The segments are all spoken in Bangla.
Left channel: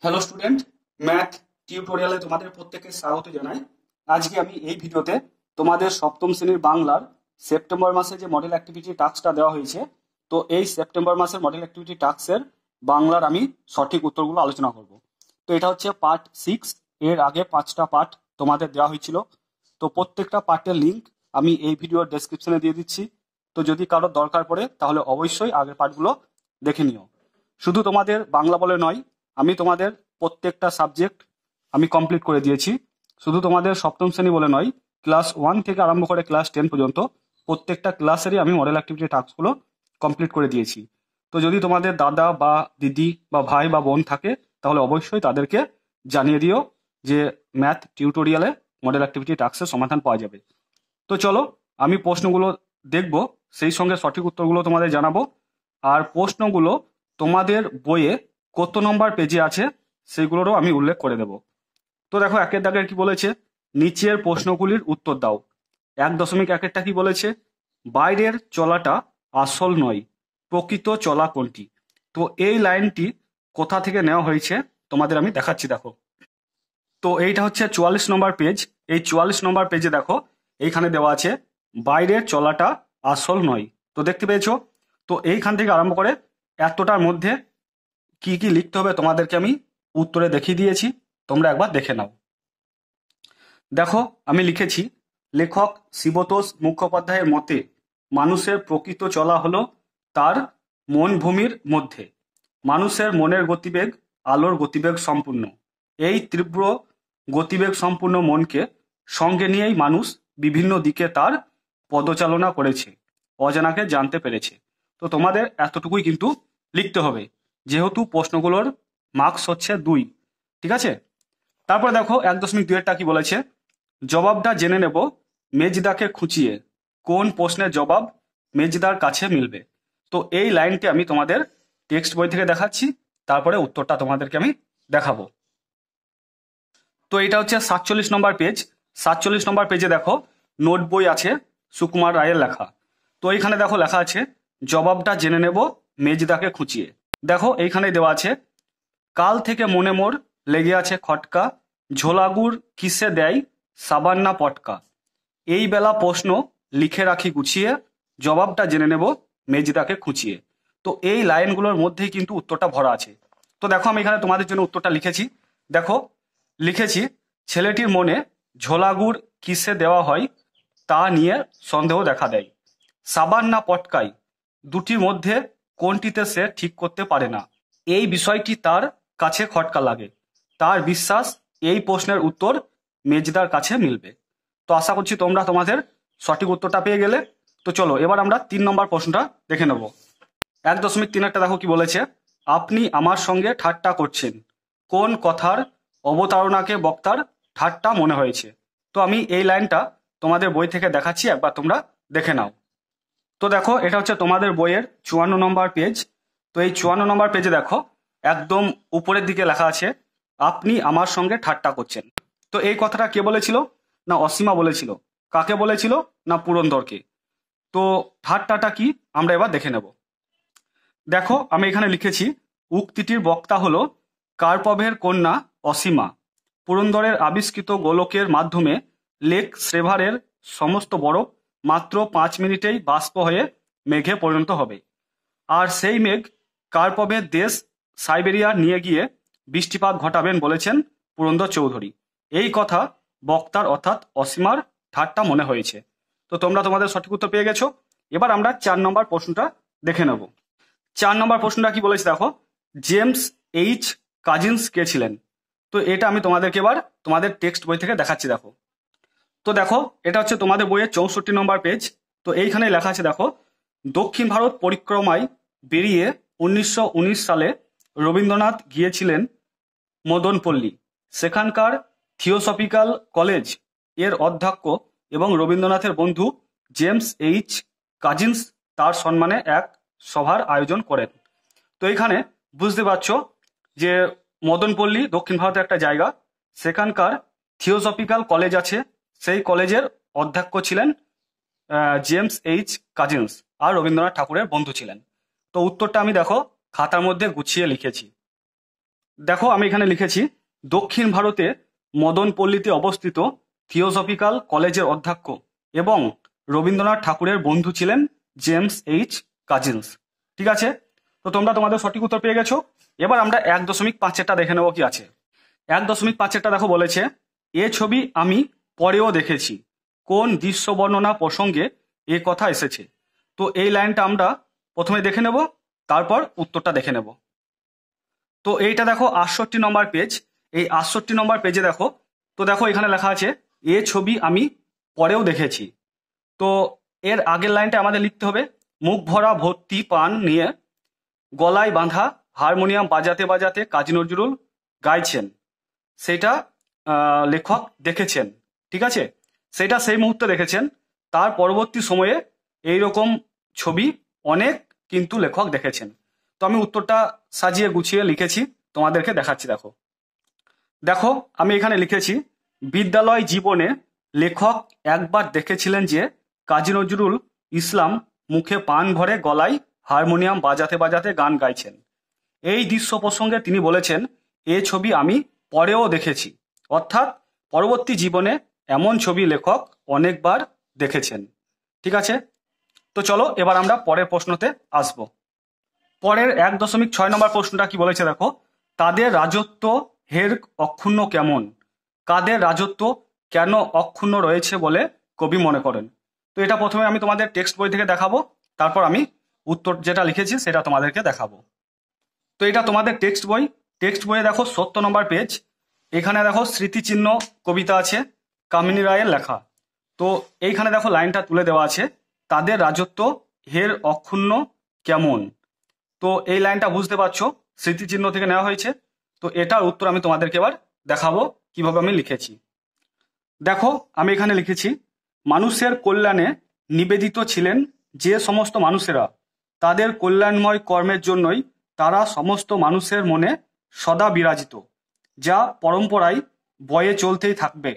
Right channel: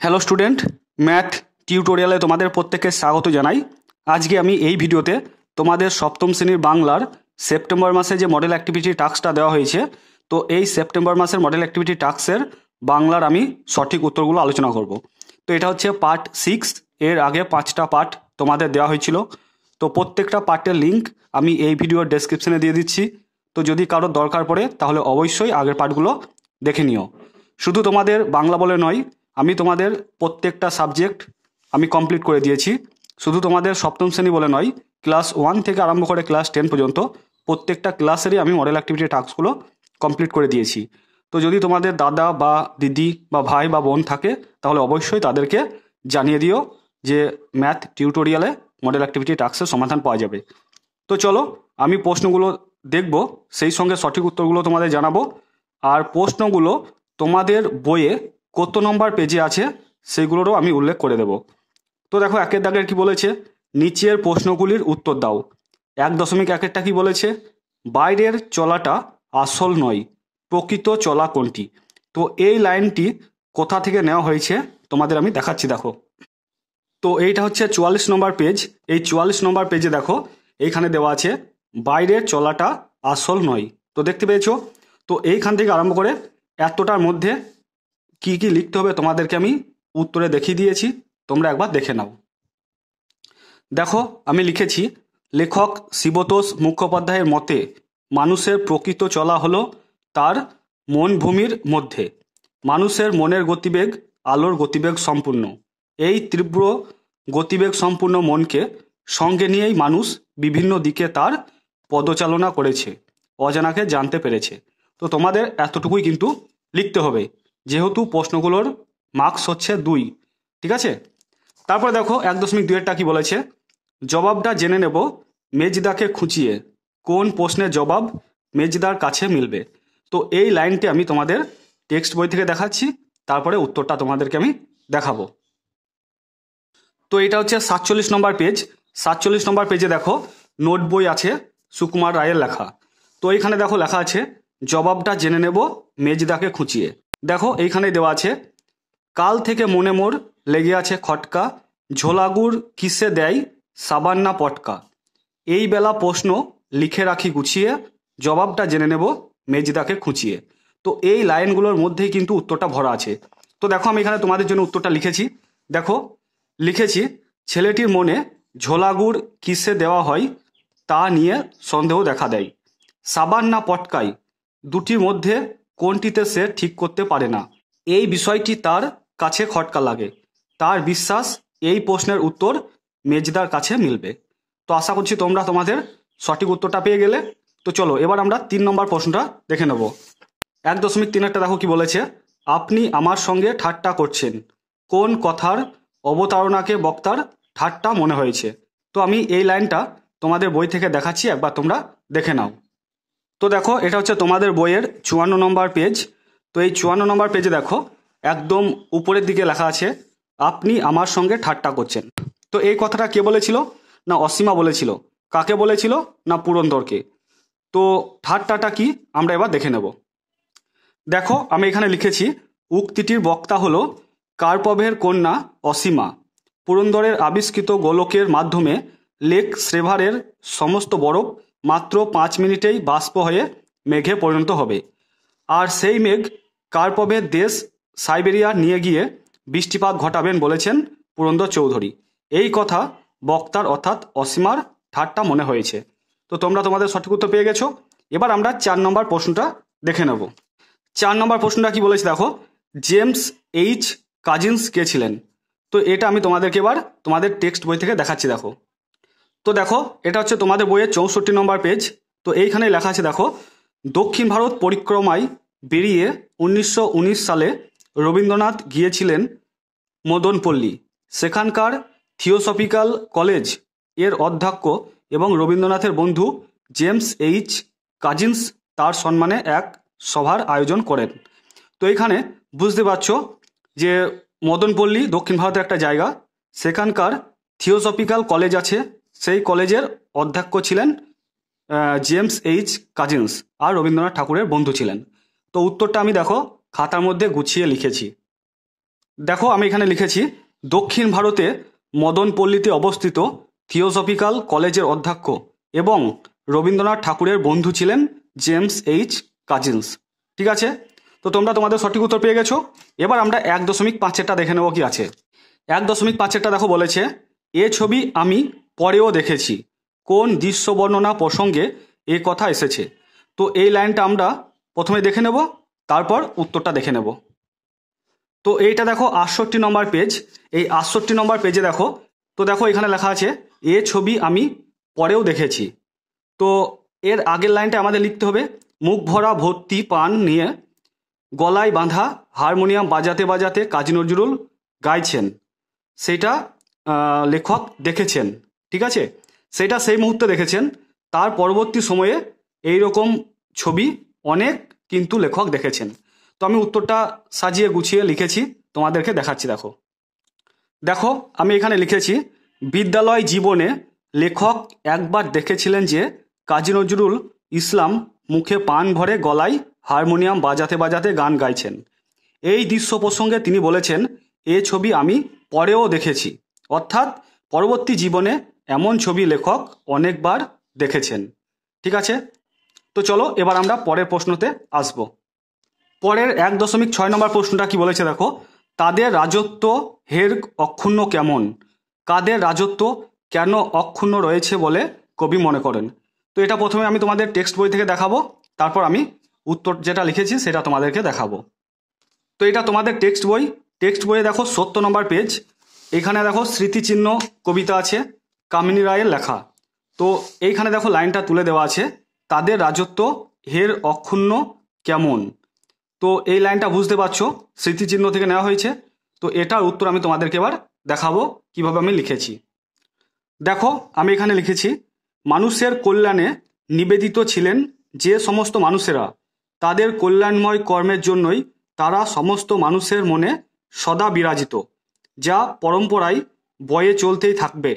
হ্যালো স্টুডেন্ট, ম্যাথ টিউটোরিয়ালে তোমাদের প্রত্যেককে স্বাগত জানাই। আজকে আমি এই ভিডিওতে তোমাদের সপ্তম শ্রেণীর বাংলার সেপ্টেম্বর মাসে যে মডেল অ্যাক্টিভিটি টাস্কটা দেওয়া হয়েছে, তো এই সেপ্টেম্বর মাসের মডেল অ্যাক্টিভিটি টাস্কের বাংলার আমি সঠিক উত্তরগুলো আলোচনা করব। তো এটা হচ্ছে পার্ট 6। এর আগে 5টা পার্ট তোমাদের দেওয়া হয়েছিল। তো প্রত্যেকটা পার্টের লিঙ্ক আমি এই ভিডিওর ডেসক্রিপশনে দিয়ে দিচ্ছি। তো যদি কারোর দরকার পড়ে তাহলে অবশ্যই আগের পার্টগুলো দেখে নিও। শুধু তোমাদের বাংলা বলে নয়, আমি তোমাদের প্রত্যেকটা সাবজেক্ট আমি কমপ্লিট করে দিয়েছি। শুধু তোমাদের সপ্তম শ্রেণী বলে নয়, ক্লাস 1 থেকে আরম্ভ করে ক্লাস 10 পর্যন্ত প্রত্যেকটা ক্লাসেরই আমি মডেল অ্যাক্টিভিটি টাস্কগুলো কমপ্লিট করে দিয়েছি। তো যদি তোমাদের দাদা বা দিদি বা ভাই বা বোন থাকে তাহলে অবশ্যই তাদেরকে জানিয়ে দিও যে ম্যাথ টিউটোরিয়ালে মডেল অ্যাক্টিভিটি টাস্কের সমাধান পাওয়া যাবে। তো চলো আমি প্রশ্নগুলো দেখব, সেই সঙ্গে সঠিক উত্তরগুলো তোমাদের জানাবো। আর প্রশ্নগুলো তোমাদের বইয়ে কত নম্বর পেজে আছে সেইগুলোরও আমি উল্লেখ করে দেব। তো দেখো একের দাগের কি বলেছে, নিচের প্রশ্নগুলির উত্তর দাও। 1.1টা কি বলেছে, বাইরের চলাটা আসল নয়, প্রকৃত চলা কোনটি? তো এই লাইনটি কোথা থেকে নেওয়া হয়েছে তোমাদের আমি দেখাচ্ছি। দেখো, তো এইটা হচ্ছে 44 নম্বর পেজ। এই 44 নম্বর পেজে দেখো এইখানে দেওয়া আছে বাইরের চলাটা আসল নয়। তো দেখতে পেয়েছো? তো এইখান থেকে আরম্ভ করে এতটার মধ্যে কি কি লিখতে হবে তোমাদেরকে আমি উত্তরে দেখিয়ে দিয়েছি, তোমরা একবার দেখে নাও। দেখো আমি লিখেছি, লেখক শিবতোষ মুখোপাধ্যায়ের মতে মানুষের প্রকৃত চলা হলো তার মন ভূমির মধ্যে। মানুষের মনের গতিবেগ আলোর গতিবেগ সম্পূর্ণ। এই তীব্র গতিবেগ সম্পূর্ণ মনকে সঙ্গে নিয়েই মানুষ বিভিন্ন দিকে তার পদচালনা করেছে, অজানাকে জানতে পেরেছে। তো তোমাদের এতটুকুই কিন্তু লিখতে হবে, যেহেতু প্রশ্নগুলোর মার্কস হচ্ছে 2। ঠিক আছে? তারপরে দেখো 1.2টা কি বলেছে, জবাবটা জেনে নেব মেজদাকে খুঁচিয়ে, কোন প্রশ্নের জবাব মেজদার কাছে মিলবে? তো এই লাইনটি আমি তোমাদের টেক্সট বই থেকে দেখাচ্ছি, তারপরে উত্তরটা তোমাদেরকে আমি দেখাবো। তো এটা হচ্ছে 47 নম্বর পেজ। 47 নম্বর পেজে দেখো নোট বই আছে সুকুমার রায়ের লেখা। তো এইখানে দেখো লেখা আছে জবাবটা জেনে নেব মেজদাকে খুঁচিয়ে। দেখো এইখানে দেওয়া আছে, কাল থেকে মনে মোর লেগে আছে খটকা, ঝোলাগুড় কিসে দেয় সাবান না পটকা। এই বেলা প্রশ্ন লিখে রাখি গুছিয়ে, জবাবটা জেনে নেব মেজদাকে খুঁচিয়ে। তো এই লাইনগুলোর মধ্যেই কিন্তু উত্তরটা ভরা আছে। তো দেখো আমি এখানে তোমাদের জন্য উত্তরটা লিখেছি। দেখো লিখেছি, ছেলেটির মনে ঝোলাগুড় কিসে দেওয়া হয় তা নিয়ে সন্দেহ দেখা দেয়। সাবান না পটকাই দুটির মধ্যে কোনটিতে সে ঠিক করতে পারে না। এই বিষয়টি তার কাছে খটকা লাগে। তার বিশ্বাস এই প্রশ্নের উত্তর মেজদার কাছে মিলবে। তো আশা করছি তোমরা তোমাদের সঠিক উত্তরটা পেয়ে গেলে। তো চলো এবার আমরা 3 নম্বর প্রশ্নটা দেখে নেব। 1.3 দেখো কি বলেছে, আপনি আমার সঙ্গে ঠাট্টা করছেন, কোন কথার অবতারণাকে বক্তার ঠাট্টা মনে হয়েছে? তো আমি এই লাইনটা তোমাদের বই থেকে দেখাচ্ছি, একবার তোমরা দেখে নাও। তো দেখো এটা হচ্ছে তোমাদের বইয়ের 54 নম্বর পেজ। তো এই 54 নম্বর পেজে দেখো একদম উপরের দিকে লেখা আছে, আপনি আমার সঙ্গে ঠাট্টা করছেন। তো এই কথাটা কে বলেছিল? না অসীমা বলেছিল। কাকে বলেছিল? না পুরন্দরকে। তো ঠাট্টাটা কি আমরা এবার দেখে নেব। দেখো আমি এখানে লিখেছি, উক্তিটির বক্তা হলো কার্পভের কন্যা অসীমা। পুরন্দরের আবিষ্কৃত গোলকের মাধ্যমে লেক শ্রেভারের সমস্ত বরফ মাত্র 5 মিনিটেই বাষ্প হয়ে মেঘে পরিণত হবে। আর সেই মেঘ কার্পভের দেশ সাইবেরিয়া নিয়ে গিয়ে বৃষ্টিপাত ঘটাবেন বলেছেন পুরন্দর চৌধুরী। এই কথা বক্তার অর্থাৎ অসীমার ঠাট্টা মনে হয়েছে। তো তোমরা তোমাদের সঠিক উত্তর পেয়ে গেছো। এবার আমরা 4 নম্বর প্রশ্নটা দেখে নেব। 4 নম্বর প্রশ্নটা কি বলেছে দেখো, জেমস এইচ কাজিন্স কে ছিলেন? তো এটা আমি তোমাদেরকে এবার তোমাদের টেক্সট বই থেকে দেখাচ্ছি। দেখো, তো দেখো এটা হচ্ছে তোমাদের বইয়ের 64 নম্বর পেজ। তো এইখানে লেখা আছে দেখো, দক্ষিণ ভারত পরিক্রমায় বেরিয়ে 1919 সালে রবীন্দ্রনাথ গিয়েছিলেন মদনপল্লী। সেখানকার থিওসফিক্যাল কলেজ এর অধ্যক্ষ এবং রবীন্দ্রনাথের বন্ধু জেমস এইচ কাজিন্স তার সম্মানে এক সভার আয়োজন করেন। তো এখানে বুঝতে পারছো যে মদনপল্লী দক্ষিণ ভারতের একটা জায়গা, সেখানকার থিওসফিক্যাল কলেজ আছে, সেই কলেজের অধ্যক্ষ ছিলেন জেমস এইচ কাজিন্স, আর রবীন্দ্রনাথ ঠাকুরের বন্ধু ছিলেন। তো উত্তরটা আমি দেখো খাতার মধ্যে গুছিয়ে লিখেছি। দেখো আমি এখানে লিখেছি, দক্ষিণ ভারতে মদনপল্লীতে অবস্থিত থিওসফিক্যাল কলেজের অধ্যক্ষ এবং রবীন্দ্রনাথ ঠাকুরের বন্ধু ছিলেন জেমস এইচ কাজিন্স। ঠিক আছে, তো তোমরা তোমাদের সঠিক উত্তর পেয়ে গেছো। এবার আমরা 1.5-টা দেখে নেবো কি আছে। 1.5-টা দেখো বলেছে, এ ছবি আমি পরেও দেখেছি, কোন দৃশ্য বর্ণনা প্রসঙ্গে এ কথা এসেছে। তো এই লাইনটা আমরা প্রথমে দেখে নেব, তারপর উত্তরটা দেখে নেব। তো এইটা দেখো 68 নম্বর পেজ। এই 68 নম্বর পেজে দেখো, তো দেখো এখানে লেখা আছে এ ছবি আমি পরেও দেখেছি। তো এর আগের লাইনটা আমাদের লিখতে হবে, মুখ ভরা ভর্তি পান নিয়ে গলায় বাঁধা হারমোনিয়াম বাজাতে বাজাতে কাজী নজরুল গাইছেন, সেটা লেখক দেখেছেন। ঠিক আছে, সেটা সেই মুহূর্তে দেখেছেন। তার পরবর্তী সময়ে এই রকম ছবি অনেক কিন্তু লেখক দেখেছেন। তো আমি উত্তরটা সাজিয়ে গুছিয়ে লিখেছি, তোমাদেরকে দেখাচ্ছি। দেখো দেখো আমি এখানে লিখেছি, বিদ্যালয় জীবনে লেখক একবার দেখেছিলেন যে কাজী নজরুল ইসলাম মুখে পান ভরে গলায় হারমোনিয়াম বাজাতে বাজাতে গান গাইছেন। এই দৃশ্য প্রসঙ্গে তিনি বলেছেন, এ ছবি আমি পরেও দেখেছি, অর্থাৎ পরবর্তী জীবনে এমন ছবি লেখক অনেকবার দেখেছেন। ঠিক আছে, তো চলো এবার আমরা পরের প্রশ্নতে আসব। পরের 1.6 নম্বর প্রশ্নটা কি বলেছে দেখো, তাদের রাজত্ব হের অক্ষুণ্ণ কেমন? কাদের রাজত্ব কেন অক্ষুণ্ণ রয়েছে বলে কবি মনে করেন? তো এটা প্রথমে আমি তোমাদের টেক্সট বই থেকে দেখাবো, তারপর আমি উত্তর যেটা লিখেছি সেটা তোমাদেরকে দেখাবো। তো এটা তোমাদের টেক্সট বইয়ে দেখো 70 নম্বর পেজ। এখানে দেখো স্মৃতিচিহ্ন কবিতা আছে, কামিনী রায়ের লেখা। তো এইখানে দেখো লাইনটা তুলে দেওয়া আছে, তাদের রাজত্ব হের অক্ষুণ্ণ কেমন। তো এই লাইনটা বুঝতে পারছো স্মৃতিচিহ্ন থেকে নেওয়া হয়েছে। তো এটার উত্তর আমি তোমাদেরকে এবার দেখাবো কিভাবে আমি লিখেছি। দেখো আমি এখানে লিখেছি, মানুষের কল্যাণে নিবেদিত ছিলেন যে সমস্ত মানুষেরা, তাদের কল্যাণময় কর্মের জন্যই তারা সমস্ত মানুষের মনে সদা বিরাজিত, যা পরম্পরায় বয়ে চলতেই থাকবে।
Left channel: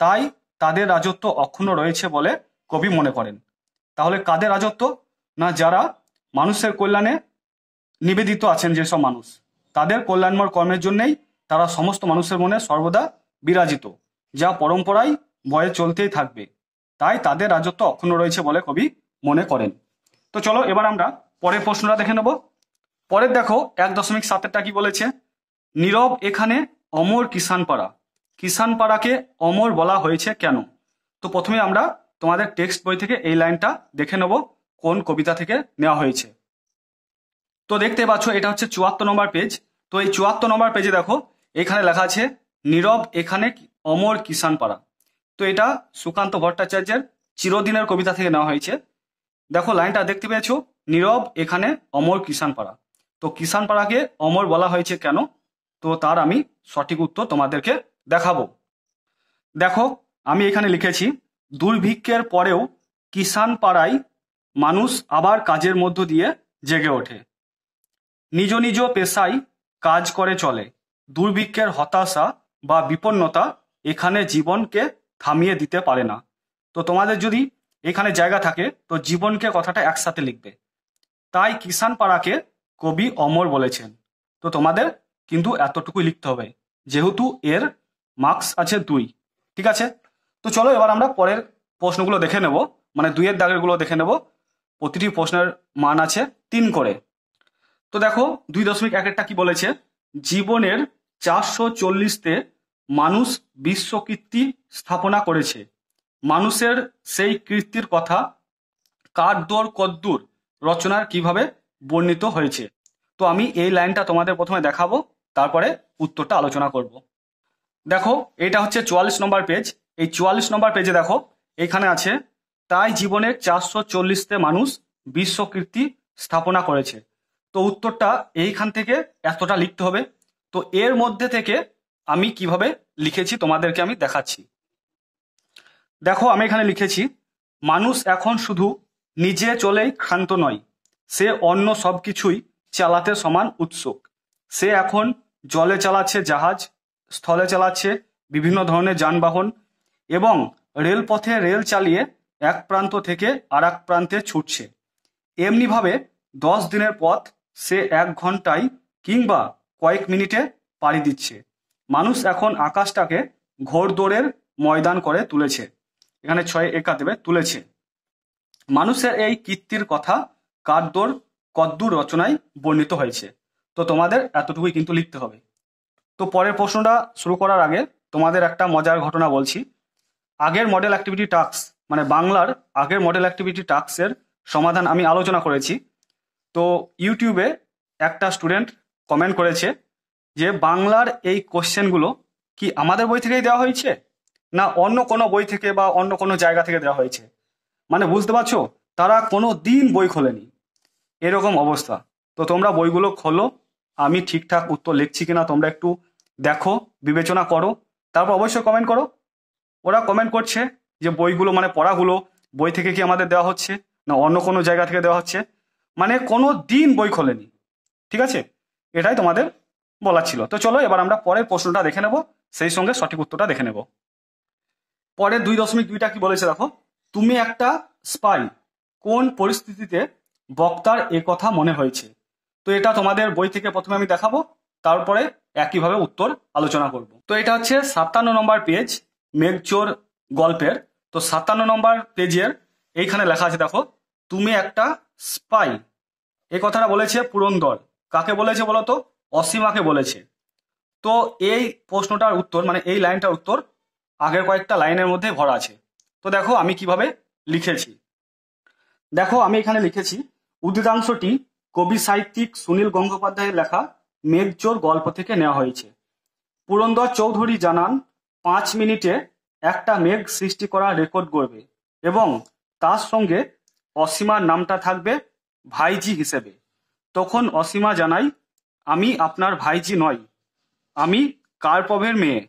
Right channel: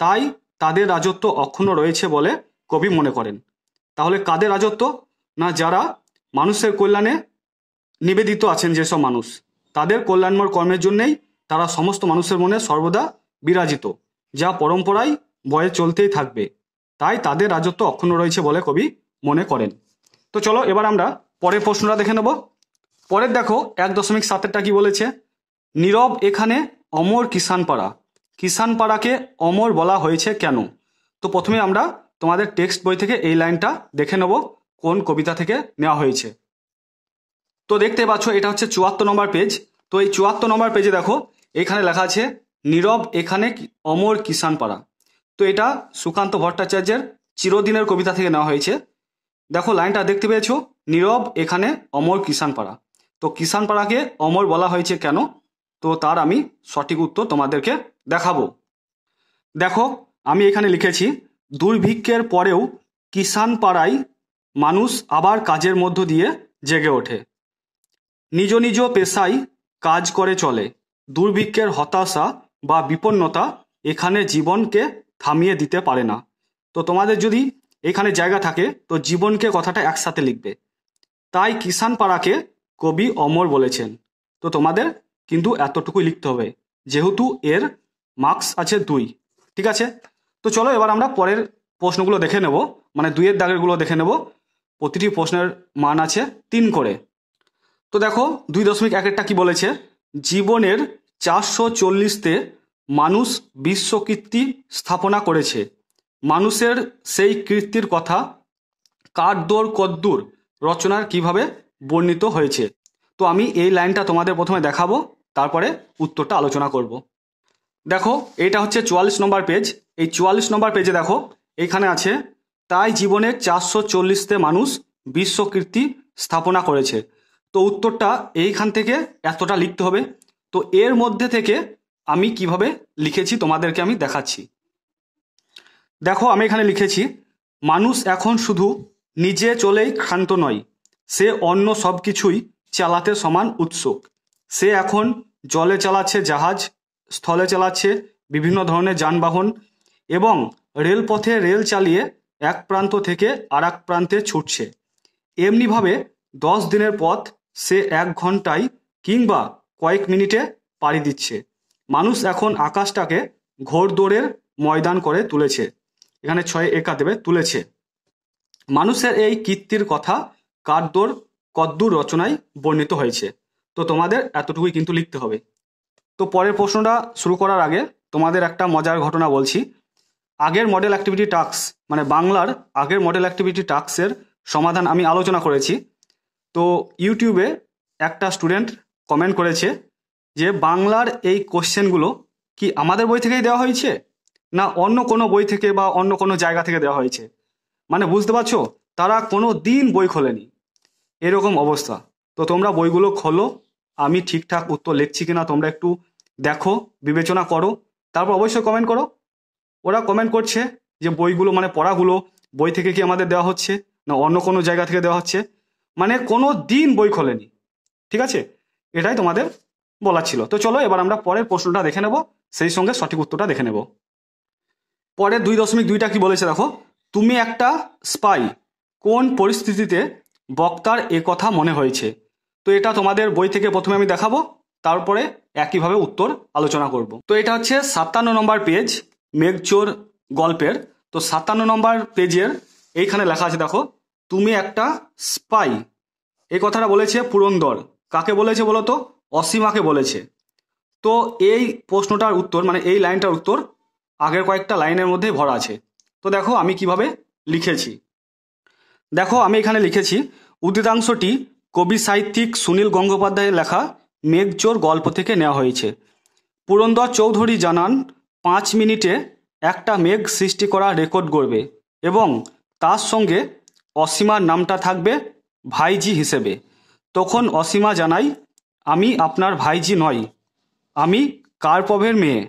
তাই তাদের রাজত্ব অক্ষুণ্ণ রয়েছে বলে কবি মনে করেন। তাহলে কাদের রাজত্ব? না, যারা মানুষের কল্যাণে নিবেদিত আছেন যেসব মানুষ, তাদের কল্যাণময় কর্মের জন্যই তারা সমস্ত মানুষের মনে সর্বদা বিরাজিত, যা পরম্পরায় বয়ে চলতেই থাকবে। তাই তাদের রাজত্ব অক্ষুণ্ণ রয়েছে বলে কবি মনে করেন। তো চলো এবার আমরা পরের প্রশ্নটা দেখে নেব। পরের দেখো 1.7টা কি বলেছে, নীরব এখানে অমর কিষানপাড়া। কিষানপাড়াকে অমর বলা হয়েছে কেন? তো প্রথমে আমরা তোমাদের টেক্সট বই থেকে এই লাইনটা দেখে নেব কোন কবিতা থেকে নেওয়া হয়েছে। তো দেখতে পাচ্ছ এটা হচ্ছে 74 নম্বর পেজ। তো এই 74 নম্বর পেজে দেখো এখানে লেখা আছে, নীরব এখানে অমর কিষানপাড়া। তো এটা সুকান্ত ভট্টাচার্যের চিরদিনের কবিতা থেকে নেওয়া হয়েছে। দেখো লাইনটা দেখতে পেয়েছো, নীরব এখানে অমর কিষানপাড়া। তো কিষানপাড়াকে অমর বলা হয়েছে কেন? তো তার আমি সঠিক উত্তর তোমাদেরকে দেখাবো। দেখো আমি এখানে লিখেছি, দুর্ভিক্ষের পরেও কিষানপাড়ায় মানুষ আবার কাজের মধ্য দিয়ে জেগে ওঠে, নিজ নিজ পেশায় কাজ করে চলে। দুর্ভিক্ষের হতাশা বা বিপন্নতা এখানে জীবনকে থামিয়ে দিতে পারে না। তো তোমাদের যদি এখানে জায়গা থাকে তো জীবনকে কথাটা একসাথে লিখবে। তাই কিষানপাড়াকে কবি অমর বলেছেন। তো তোমাদের কিন্তু এতটুকুই লিখতে হবে, যেহেতু এর মার্কস আছে 2। ঠিক আছে, তো চলো এবার আমরা পরের প্রশ্নগুলো দেখে নেব, মানে 2-এর দাগেরগুলো দেখে নেব। প্রতিটি প্রশ্নের মান আছে 3 করে। তো দেখো 2.1টা কি বলেছে, জীবনের 440তে মানুষ বিশ্বকীর্তি স্থাপনা করেছে। মানুষের সেই কীর্তির কথা কার দোর কদ্দূর রচনার কিভাবে বর্ণিত হয়েছে। তো আমি এই লাইনটা তোমাদের প্রথমে দেখাবো, তারপরে উত্তরটা আলোচনা করব। দেখো এটা হচ্ছে 44 নম্বর পেজ। এই 44 নম্বর পেজে দেখো এখানে আছে, তাই জীবনের 440তে মানুষ বিশ্বকীর্তি স্থাপনা করেছে। তো উত্তরটা এইখান থেকে এতটা লিখতে হবে। তো এর মধ্যে থেকে আমি কিভাবে লিখেছি তোমাদেরকে আমি দেখাচ্ছি। দেখো আমি এখানে লিখেছি, মানুষ এখন শুধু নিজে চলেই ক্ষান্ত নয়, সে অন্য সব কিছুই চালাতে সমান উৎসুক। সে এখন জলে চালাচ্ছে জাহাজ, স্থলে চালাচ্ছে বিভিন্ন ধরনের যানবাহন এবং রেলপথে রেল চালিয়ে এক প্রান্ত থেকে আর এক প্রান্তে ছুটছে। এমনিভাবে 10 দিনের পথ সে 1 ঘন্টায় কিংবা কয়েক মিনিটে পাড়ি দিচ্ছে। মানুষ এখন আকাশটাকে ঘোড়দৌড়ের ময়দান করে তুলেছে। এখানে 6 একা দেবে, তুলেছে। মানুষের এই কীর্তির কথা কারদোর কদ্দুর রচনায় বর্ণিত হয়েছে। তো তোমাদের এতটুকুই কিন্তু লিখতে হবে। তো পরের প্রশ্নটা শুরু করার আগে তোমাদের একটা মজার ঘটনা বলছি। আগের মডেল অ্যাক্টিভিটি টাস্ক, মানে বাংলার আগের মডেল অ্যাক্টিভিটি টাস্কের সমাধান আমি আলোচনা করেছি। তো ইউটিউবে একটা স্টুডেন্ট কমেন্ট করেছে যে বাংলার এই কোশ্চেনগুলো কি আমাদের বই থেকেই দেওয়া হয়েছে, না অন্য কোনো বই থেকে বা অন্য কোনো জায়গা থেকে দেওয়া হয়েছে। মানে বুঝতে পারছো, তারা কোনো দিন বই খোলেনি, এরকম অবস্থা। তো তোমরা বইগুলো খোলো, আমি ঠিকঠাক উত্তর লিখছি কিনা তোমরা একটু দেখো, বিবেচনা করো, তারপর অবশ্যই কমেন্ট করো। ওরা কমেন্ট করছে যে বইগুলো মানে পড়াগুলো বই থেকে কি আমাদের দেওয়া হচ্ছে, না অন্য কোনো জায়গা থেকে দেওয়া হচ্ছে। মানে কোনো দিন বই খোলেনি, ঠিক আছে? এটাই তোমাদের বলার ছিল। তো চলো এবার আমরা পরের প্রশ্নটা দেখে নেব, সেই সঙ্গে সঠিক উত্তরটা দেখে নেব। পরের 2.2টা কি বলেছে দেখো, তুমি একটা স্পাই, কোন পরিস্থিতিতে বক্তার এ কথা মনে হয়েছে। তো এটা তোমাদের বই থেকে প্রথমে আমি দেখাবো, তারপরে একইভাবে উত্তর আলোচনা করব। তো এটা হচ্ছে 57 নম্বর পেজ মেঘচোর গল্পের। তো 57 নম্বর পেজের এইখানে লেখা আছে দেখো, তুমি একটা স্পাই। এই কথাটা বলেছে পুরন্দর। কাকে বলেছে বলো তো? অসীমাকে বলেছে। তো এই প্রশ্নটার উত্তর, মানে এই লাইনটার উত্তর আগের কয়েকটা লাইনের মধ্যে ভরা আছে। তো দেখো আমি কিভাবে লিখেছি। দেখো আমি এখানে লিখেছি, উদ্গীতাংশটি কবি সাহিত্যিক সুনীল গঙ্গোপাধ্যায়ের লেখা মেঘচোর গল্প থেকে নেওয়া হয়েছে। পুরন্দর চৌধুরী জানান 5 মিনিটে একটা মেঘ সৃষ্টি করা রেকর্ড করবে এবং তার সঙ্গে অসীমার নামটা থাকবে ভাইজি হিসেবে। তখন অসীমা জানাই, আমি আপনার ভাইজি নই, আমি কার্পভের মেয়ে।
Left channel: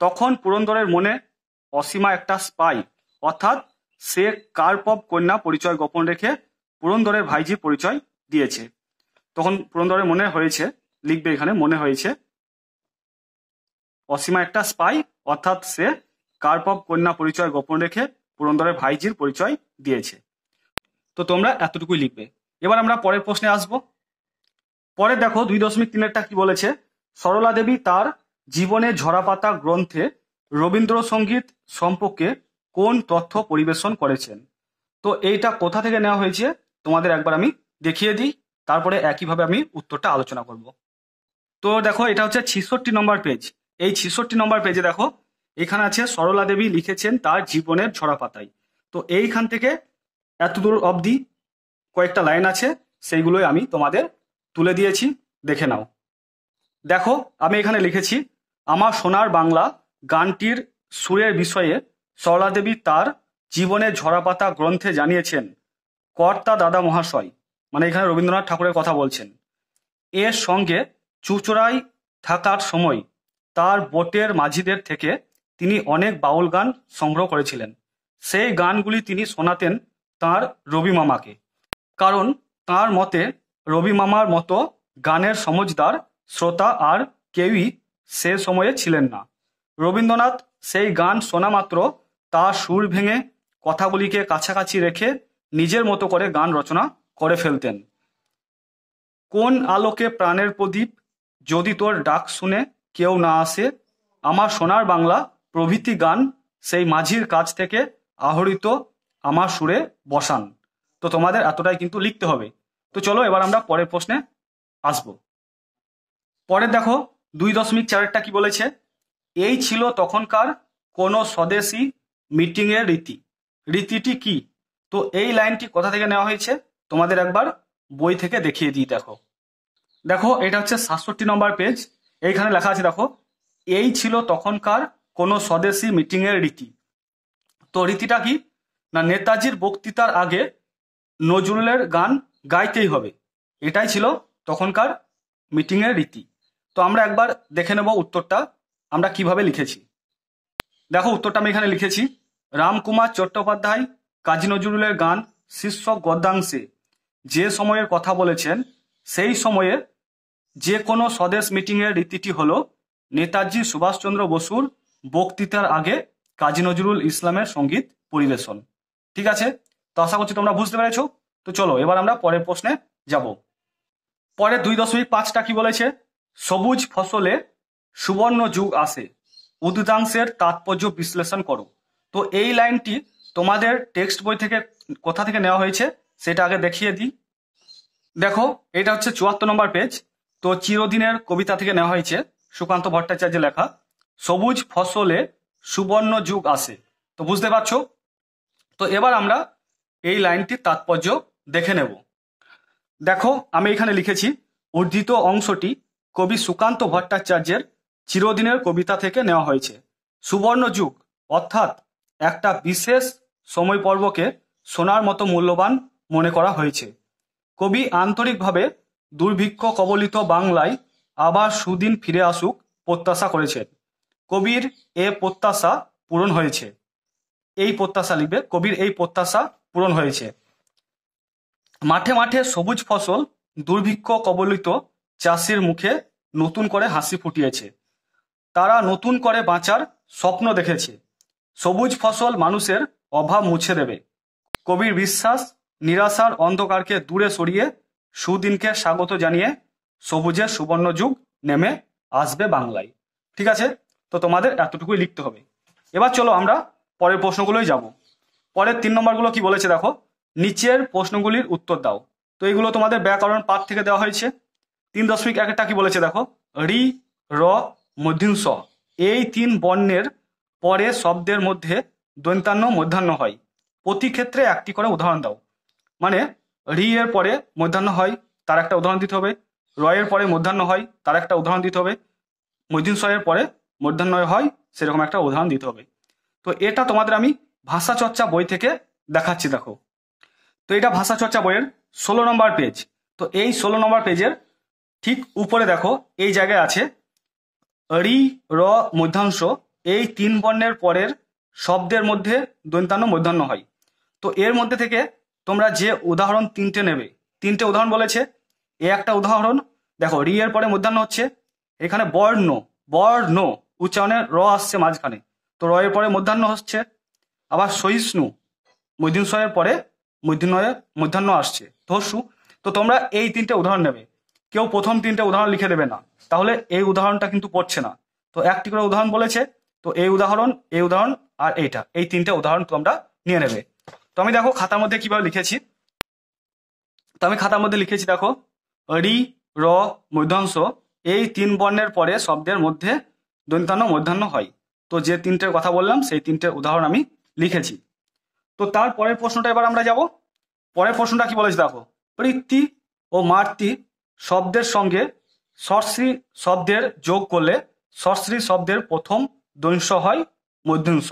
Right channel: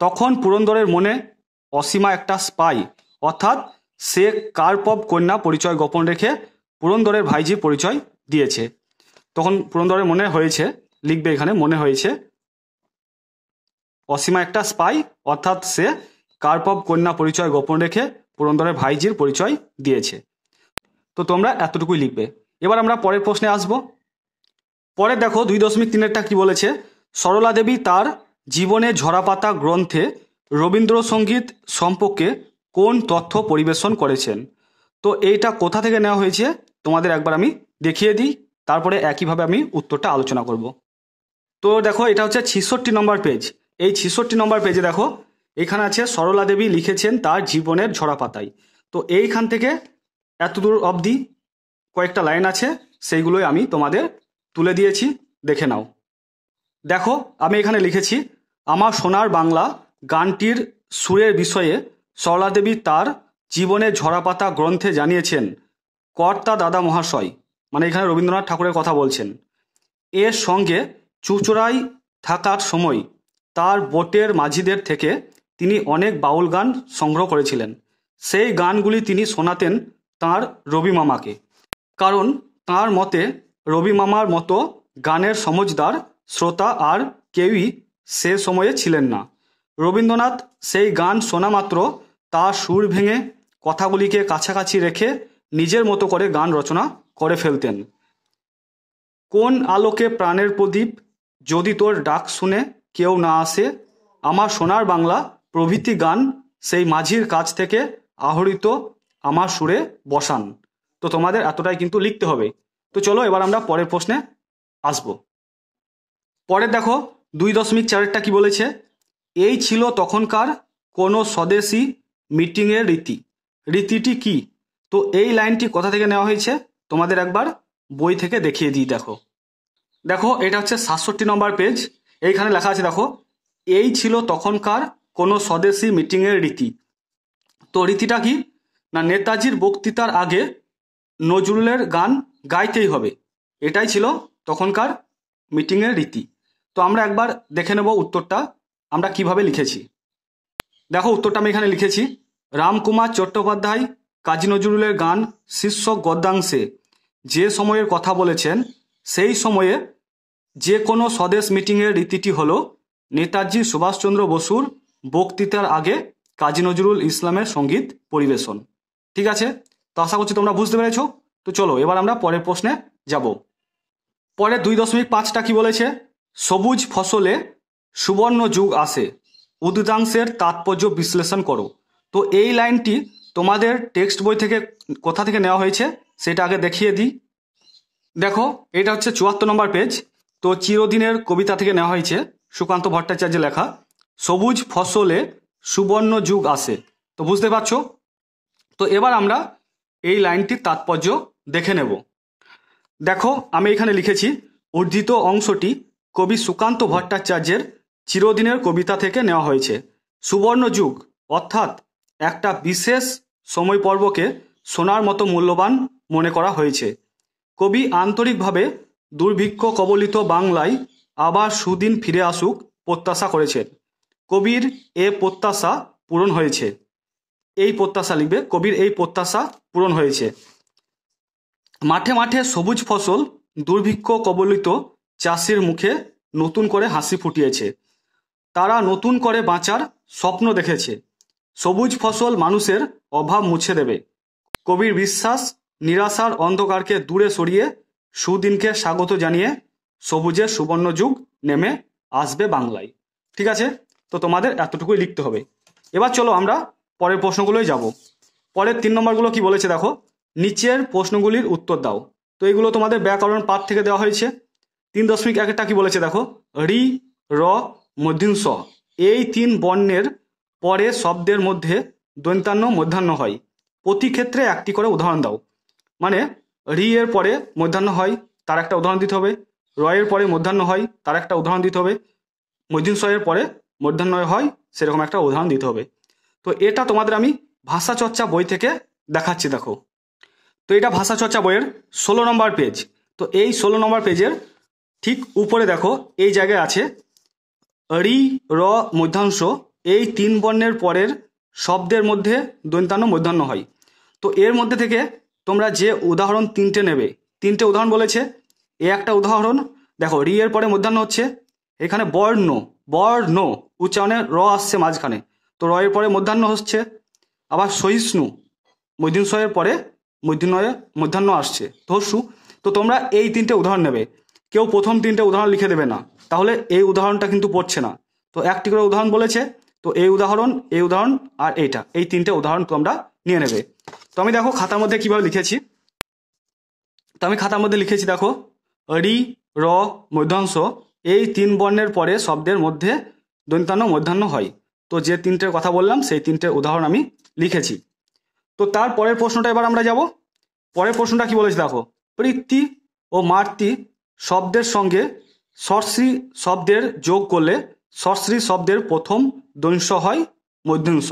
তখন পুরন্দরের মনে অসীমা একটা স্পাই, অর্থাৎ সে কার্পভ কন্যা পরিচয় গোপন রেখে পুরন্দরের ভাইজির পরিচয় দিয়েছে। তখন পুরন্দরের মনে হয়েছে, লিখবে এখানে, মনে হয়েছে অসীমা একটা স্পাই, অর্থাৎ সে কার্পভ কন্যা পরিচয় গোপন রেখে পুরন্দরের ভাইজির পরিচয় দিয়েছে। তো তোমরা এতটুকুই লিখবে। এবার আমরা পরের প্রশ্নে আসব। পরে দেখো 2.3-এরটা কি বলেছে, সরলা দেবী তার জীবনে ঝরাপাতা গ্রন্থে রবীন্দ্রসঙ্গীত সম্পর্কে কোন তথ্য পরিবেশন করেছেন। তো এইটা কোথা থেকে নেওয়া হয়েছে তোমাদের একবার আমি দেখিয়ে দিই, তারপরে একইভাবে আমি উত্তরটা আলোচনা করব। তো দেখো এটা হচ্ছে 66 নম্বর পেজ। এই 66 নম্বর পেজে দেখো এখানে আছে সরলা দেবী লিখেছেন তার জীবনের ঝরাপাতায়। তো এইখান থেকে এতদূর অবধি কয়েকটা লাইন আছে, সেইগুলোই আমি তোমাদের তুলে দিয়েছি, দেখে নাও। দেখো আমি এখানে লিখেছি, আমার সোনার বাংলা গানটির সুরের বিষয়ে সরলা দেবী তার জীবনের ঝরাপাতা গ্রন্থে জানিয়েছেন কর্তা দাদা মহাশয়, মানে এখানে রবীন্দ্রনাথ ঠাকুরের কথা বলছেন। এর সঙ্গে চুঁচুড়ায় থাকার সময় তার বোটের মাঝিদের থেকে তিনি অনেক বাউল গান সংগ্রহ করেছিলেন। সেই গানগুলি তিনি শোনাতেন তাঁর রবি মামাকে, কারণ তাঁর মতে রবি মামার মতো গানের সমজদার শ্রোতা আর কেউই সে সময়ে ছিলেন না। রবীন্দ্রনাথ সেই গান শোনা মাত্র তার সুর ভেঙে কথাগুলিকে কাছাকাছি রেখে নিজের মতো করে গান রচনা করে ফেলতেন। কোন আলোকে প্রাণের প্রদীপ, যদি তোর ডাক শুনে কেউ না আসে, আমার সোনার বাংলা প্রভৃতি গান সেই মাঝির কাছ থেকে আহরিত আমার সুরে বসান। তো তোমাদের এতটাই কিন্তু লিখতে হবে। তো চলো এবার আমরা পরের প্রশ্নে আসব। পরে দেখো 2.4-টা কি বলেছে, এই ছিল তখনকার কোনো স্বদেশী মিটিংয়ের রীতি। রীতিটি কি? তো এই লাইনটি কোথা থেকে নেওয়া হয়েছে তোমাদের একবার বই থেকে দেখিয়ে দিই। দেখো দেখো এটা হচ্ছে 67 নম্বর পেজ। এইখানে লেখা আছে দেখো, এই ছিল তখনকার কোনো স্বদেশী মিটিংয়ের রীতি। তো রীতিটা কি না, নেতাজির বক্তৃতার আগে নজরুলের গান গাইতেই হবে, এটাই ছিল তখনকার মিটিংয়ের রীতি। তো আমরা একবার দেখে নেব উত্তরটা আমরা কিভাবে লিখেছি। দেখো উত্তরটা আমি এখানে লিখেছি, রামকুমার চট্টোপাধ্যায় কাজী নজরুলের গান শীর্ষক গদ্যাংশে যে সময়ের কথা বলেছেন, সেই সময়ে যে কোনো স্বদেশ মিটিংয়ের রীতিটি হলো নেতাজি সুভাষচন্দ্র বসুর বক্তৃতার আগে কাজী নজরুল ইসলামের সঙ্গীত পরিবেশন। ঠিক আছে, তো আশা করছি তোমরা বুঝতে পেরেছো। তো চলো এবার আমরা পরের প্রশ্নে যাব। পরে 2.5টা কি বলেছে, সবুজ ফসলে সুবর্ণ যুগ আসে, উদ্যাংশের তাৎপর্য বিশ্লেষণ করো। তো এই লাইনটি তোমাদের টেক্সট বই থেকে কোথা থেকে নেওয়া হয়েছে সেটা আগে দেখিয়ে দিই। দেখো, এটা হচ্ছে 74 নম্বর পেজ। তো চিরদিনের কবিতা থেকে নেওয়া হয়েছে, সুকান্ত ভট্টাচার্যের লেখা, সবুজ ফসলে সুবর্ণ যুগ আসে। তো বুঝতে পারছো? তো এবার আমরা এই লাইনটির তাৎপর্য দেখে নেব। দেখো, আমি এখানে লিখেছি, উদ্ধৃত অংশটি কবি সুকান্ত ভট্টাচার্যের চিরদিনের কবিতা থেকে নেওয়া হয়েছে। সুবর্ণ যুগ অর্থাৎ একটা বিশেষ সময় পর্বকে সোনার মতো মূল্যবান মনে করা হয়েছে। কবি আন্তরিকভাবে দুর্ভিক্ষ কবলিত বাংলায় আবার সুদিন ফিরে আসুক প্রত্যাশা করেছেন। কবির এ প্রত্যাশা পূরণ হয়েছে। এই প্রত্যাশা লিখবে, কবির এই প্রত্যাশা পূরণ হয়েছে। মাঠে মাঠে সবুজ ফসল দুর্ভিক্ষ কবলিত চাষির মুখে নতুন করে হাসি ফুটিয়েছে। তারা নতুন করে বাঁচার স্বপ্ন দেখেছে। সবুজ ফসল মানুষের অভাব মুছে দেবে। কবির বিশ্বাস, নিরাশার অন্ধকারকে দূরে সরিয়ে সুদিনকে স্বাগত জানিয়ে সবুজের সুবর্ণ যুগ নেমে আসবে বাংলায়। ঠিক আছে, তো তোমাদের এতটুকুই লিখতে হবে। এবার চলো আমরা পরের প্রশ্নগুলোই যাব। পরের 3 নম্বরগুলো কি বলেছে দেখো, নিচের প্রশ্নগুলির উত্তর দাও। তো এইগুলো তোমাদের ব্যাকরণ পাঠ থেকে দেওয়া হয়েছে। 3.1টা কি বলেছে দেখো, রি, র, মূর্ধন্য ষ এই 3 বর্ণের পরে শব্দের মধ্যে দন্ত্যান্ন মধ্যাহ্ন হয়। প্রতি ক্ষেত্রে একটি করে উদাহরণ দাও। মানে রি এর পরে মধ্যাহ্ন হয়, তার একটা উদাহরণ দিতে হবে। র এর পরে মধ্যাহ্ন হয়, তার একটা উদাহরণ দিতে হবে। মূর্ধন্য ষ এর পরে মধ্যাহ্ন হয়, সেরকম একটা উদাহরণ দিতে হবে। তো এটা তোমাদের আমি ভাষা চর্চা বই থেকে দেখাচ্ছি। দেখো, তো এটা ভাষা চর্চা বইয়ের 16 নম্বর পেজ। তো এই 16 নম্বর পেজের ঠিক উপরে দেখো, এই জায়গায় আছে রি, র, মধ্যাংশ এই 3 বর্ণের পরের শব্দের মধ্যে দন্ত্যান্ন মধ্যাহ্ন হয়। তো এর মধ্যে থেকে তোমরা যে উদাহরণ 3টে নেবে, 3টে উদাহরণ বলেছে। এ একটা উদাহরণ, দেখো রি এর পরে মধ্যাহ্ন হচ্ছে, এখানে বর্ণ, বর্ণ উচ্চারণে র আসছে মাঝখানে, তো র এর পরে মধ্যাহ্ন হচ্ছে। আবার সহিষ্ণু, মূর্ধন্য ষ এর পরে মধ্যাহ্ন আসছে, ধর্ষু। তো তোমরা এই 3টে উদাহরণ নেবে। কেউ প্রথম 3টে উদাহরণ লিখে দেবে না, তাহলে এই উদাহরণটা কিন্তু পড়ছে না। তো একটি করে উদাহরণ বলেছে, তো এই উদাহরণ, এই উদাহরণ আর এইটা, এই 3টে উদাহরণ তোমরা নিয়ে নেবে। তো আমি দেখো খাতার মধ্যে কিভাবে লিখেছি। তো আমি খাতার মধ্যে লিখেছি, দেখো রি, র, মধ্যাংশ এই 3 বর্ণের পরে শব্দের মধ্যে দন্ত্যান্ন মধ্যাহ্ন হয়। তো যে 3টের কথা বললাম সেই 3টে উদাহরণ আমি লিখেছি। তো তার পরের প্রশ্নটা এবার আমরা যাব। পরের প্রশ্নটা কি বলেছে দেখো, পৃথ্বী ও মাতৃ শব্দের সঙ্গে সর্শ্রী শব্দের যোগ করলে সর্শ্রী শব্দের প্রথম দংশ হয় মূর্ধন্য ষ।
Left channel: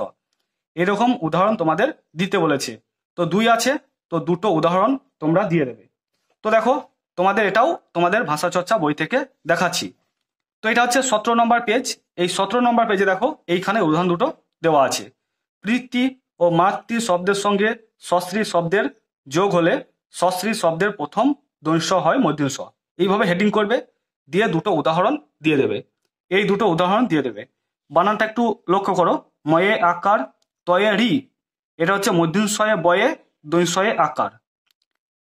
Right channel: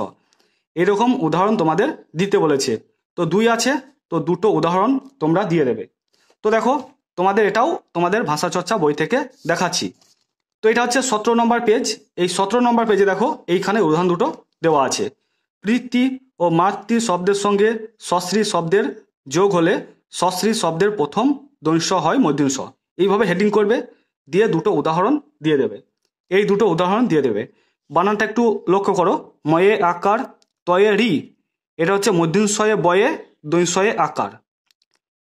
এরকম উদাহরণ তোমাদের দিতে বলেছে। তো 2 আছে, তো 2টো উদাহরণ তোমরা দিয়ে দেবে। তো দেখো, তোমাদের এটাও তোমাদের ভাষা চর্চা বই থেকে দেখাচ্ছি। তো এটা হচ্ছে 17 নম্বর পেজ। এই 17 নম্বর পেজে দেখো, এইখানে উদাহরণ 2টো দেওয়া আছে। পৃথ্বী ও মাতৃ শব্দের সঙ্গে সশ্রী শব্দের যোগ হলে সশ্রী শব্দের প্রথম দংশ হয় মূর্ধন্য ষ। এইভাবে হেডিং করবে, দিয়ে 2টো উদাহরণ দিয়ে দেবে। এই 2টো উদাহরণ দিয়ে দেবে। বানানটা একটু লক্ষ্য করো, ময়ে আকার, তয়ে রি, এটা হচ্ছে মূর্ধন্য ষ এ বয়ে, দংশ এ আকার।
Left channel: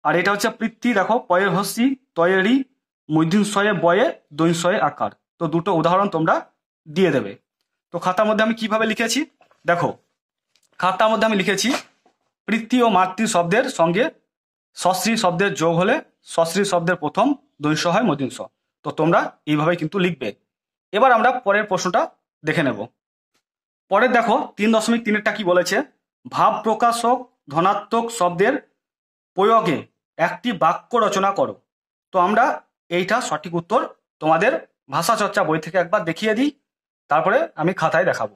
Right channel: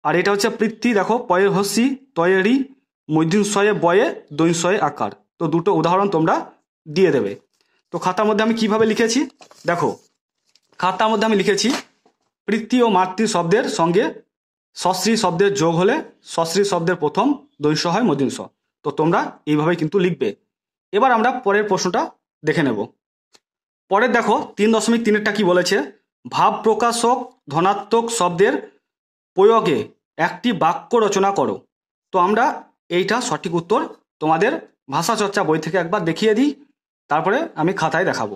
আর এটা হচ্ছে পৃথ্বী, দেখো পয়ে হসি, তয়ে রি, মূর্ধন্য ষ এ বয়ে, দংশ এ আকার। তো 2টো উদাহরণ তোমরা দিয়ে দেবে। তো খাতার মধ্যে আমি কিভাবে লিখেছি দেখো, খাতার মধ্যে আমি লিখেছি, পৃথ্বী ও মাতৃ শব্দের সঙ্গে সশ্রী শব্দের যোগ হলে সশ্রী শব্দের প্রথম দংশ হয় মূর্ধন্য ষ। তো তোমরা এইভাবে কিন্তু লিখবে। এবার আমরা পরের প্রশ্নটা দেখে নেব। পরের দেখো 3.3টা কি বলেছে, ভাব প্রকাশক ধনাত্মক শব্দের প্রয়োগে একটি বাক্য রচনা করো। তো আমরা এইটা সঠিক উত্তর তোমাদের ভাষা চর্চা বই থেকে একবার দেখিয়ে দিই, তারপরে আমি খাতায় দেখাবো।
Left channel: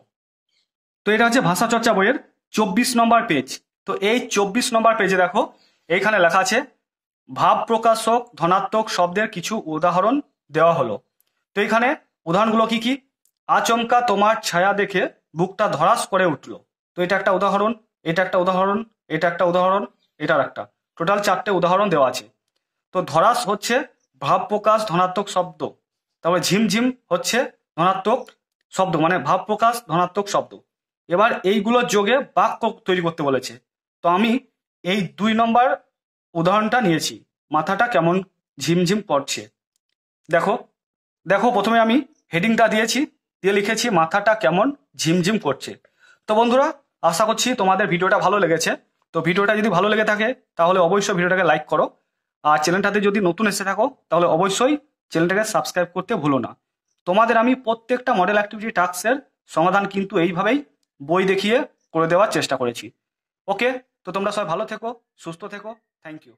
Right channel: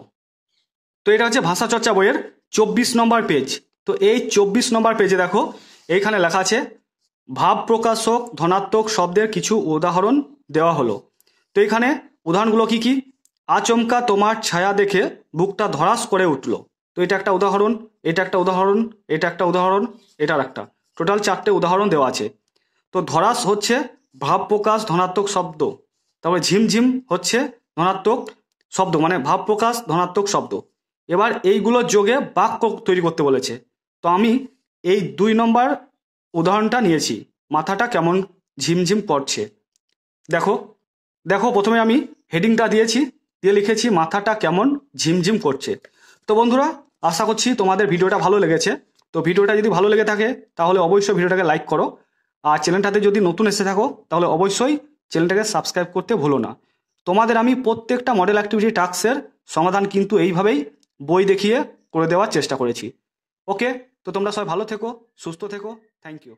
তো এটা হচ্ছে ভাষা চর্চা বইয়ের 24 নম্বর পেজ। তো এই 24 নম্বর পেজে দেখো, এইখানে লেখা আছে ভাব প্রকাশক ধনাত্মক শব্দের কিছু উদাহরণ দেওয়া হলো। তো এখানে উদাহরণগুলো কি কি, আচমকা তোমার ছায়া দেখে বুকটা ধড়াস করে উঠল। তো এটা একটা উদাহরণ, এটা একটা উদাহরণ, এটা একটা উদাহরণ, এটার একটা, টোটাল 4টে উদাহরণ দেওয়া আছে। তো ধড়াস হচ্ছে ভাব প্রকাশ ধনাত্মক শব্দ, তারপরে ঝিমঝিম হচ্ছে ধনাত্মক শব্দ, মানে ভাব প্রকাশ ধনাত্মক শব্দ। এবার এইগুলোর যোগে বাক্য তৈরি করতে বলেছে। তো আমি এই 2 নম্বর উদাহরণটা নিয়েছি, মাথাটা কেমন ঝিমঝিম করছে। দেখো দেখো প্রথমে আমি হেডিংটা দিয়েছি, দিয়ে লিখেছি মাথাটা কেমন ঝিমঝিম করছে। তো বন্ধুরা, আশা করছি তোমাদের ভিডিওটা ভালো লেগেছে। তো ভিডিওটা যদি ভালো লেগে থাকে তাহলে অবশ্যই ভিডিওটাকে লাইক করো, আর চ্যানেলটাতে যদি নতুন এসে থাকো তাহলে অবশ্যই চ্যানেলটাকে সাবস্ক্রাইব করতে ভুলো না। তোমাদের আমি প্রত্যেকটা মডেল অ্যাক্টিভিটি টাস্কের সমাধান কিন্তু এইভাবেই বই দেখিয়ে করে দেওয়ার চেষ্টা করেছি। ওকে, তো তোমরা সবাই ভালো থেকো, সুস্থ থেকো, থ্যাংক ইউ।